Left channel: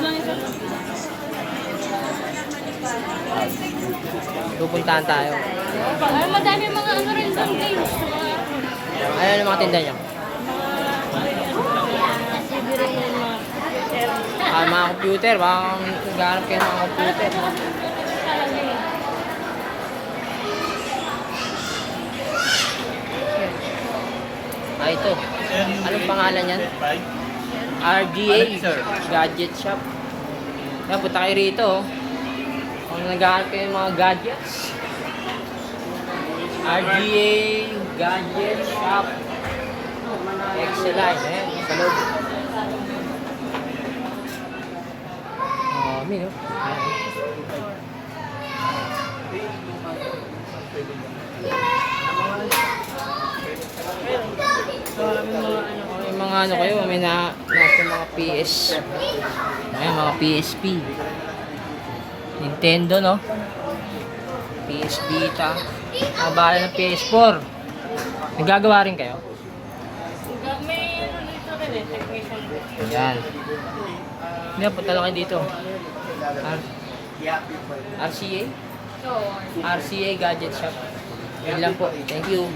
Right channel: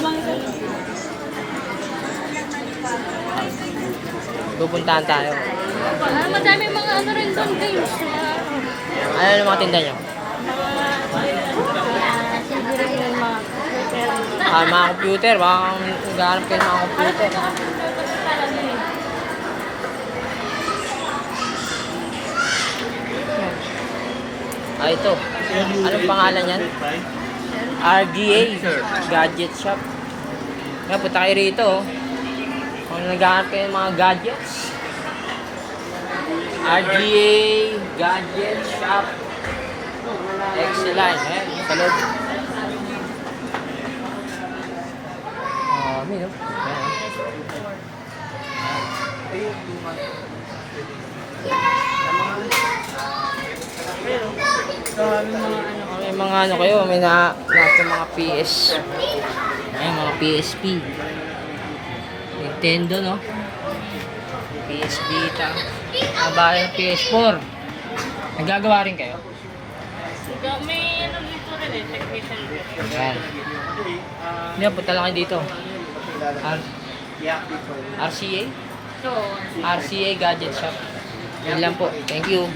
lang ito. Pupuntahan tayo. Ay, madami mga ano rin doon, games. Ano yung mga tinda nyo? CD rin yun, mga computer. Mga computer. Baka maghanap kayo ng mga computer. Ito. Anong pangalan yan? RGA Gadget Shop. Kaya punta kayo rito. Kung naghahanap kayo ng mga gadgets. RGA Gadget Shop. Excellent. Ayan, sa loob. Amin, no? May mga ano kayo, may lahat ng mga PS. Ayan, mga PSP. Nintendo, no? PS Vita. Mga bahay ng PS4. Nagagawa rin kayo? May ano dito rin eh, technician. Ayan. Hindi, punta lang kayo dito. RCA? RCA Gadget Shop. Yun lang po. Thank you.